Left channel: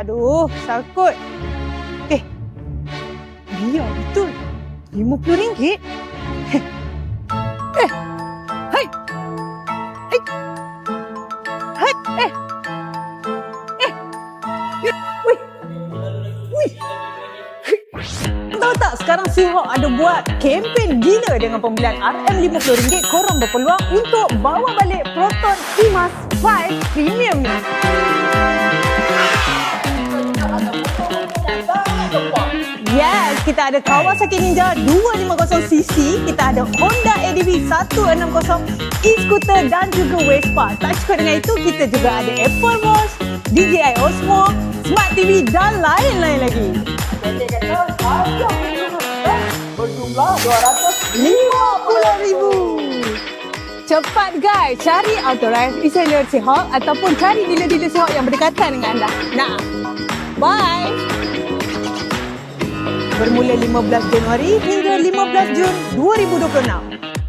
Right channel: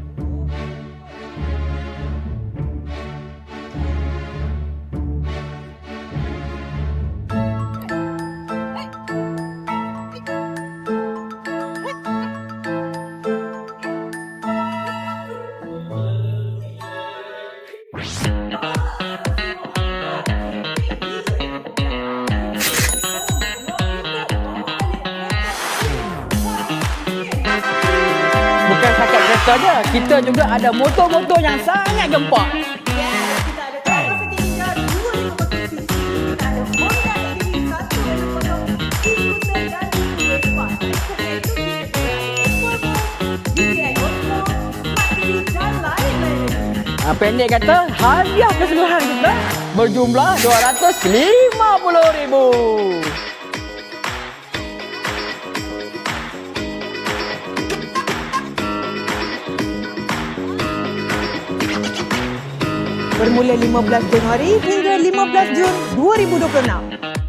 Aduh, sakut. Iya betul. RM50. Hai. Hai. Hai. Wih. Wih. Tahu tak sekarang Suhok ada buat kempen gila dengan pembelian RM50, korang berpeluang untuk bawa balik Proton Emas 5 Premium ni. Saja, kita juga ada motor-motor yang sangat gempak. Yes, kita ada Kawasaki Ninja 250cc, kita ada Honda ADV 160, e-scooter dan juga Vespa. Tak cukup dengan itu, kita juga ada Apple Watch, DJI Osmo, Smart TV dan lain-lain lagi. Pendek kata, hadiah persembahan kita berjumlah RM250,000. Cepat guys, cari authorized reseller Suhok ataupun cari dealer-dealer Suhok yang berdekatan dengan anda. Nah, bye! Bermula 15 Januari hingga 15 Jun 2026.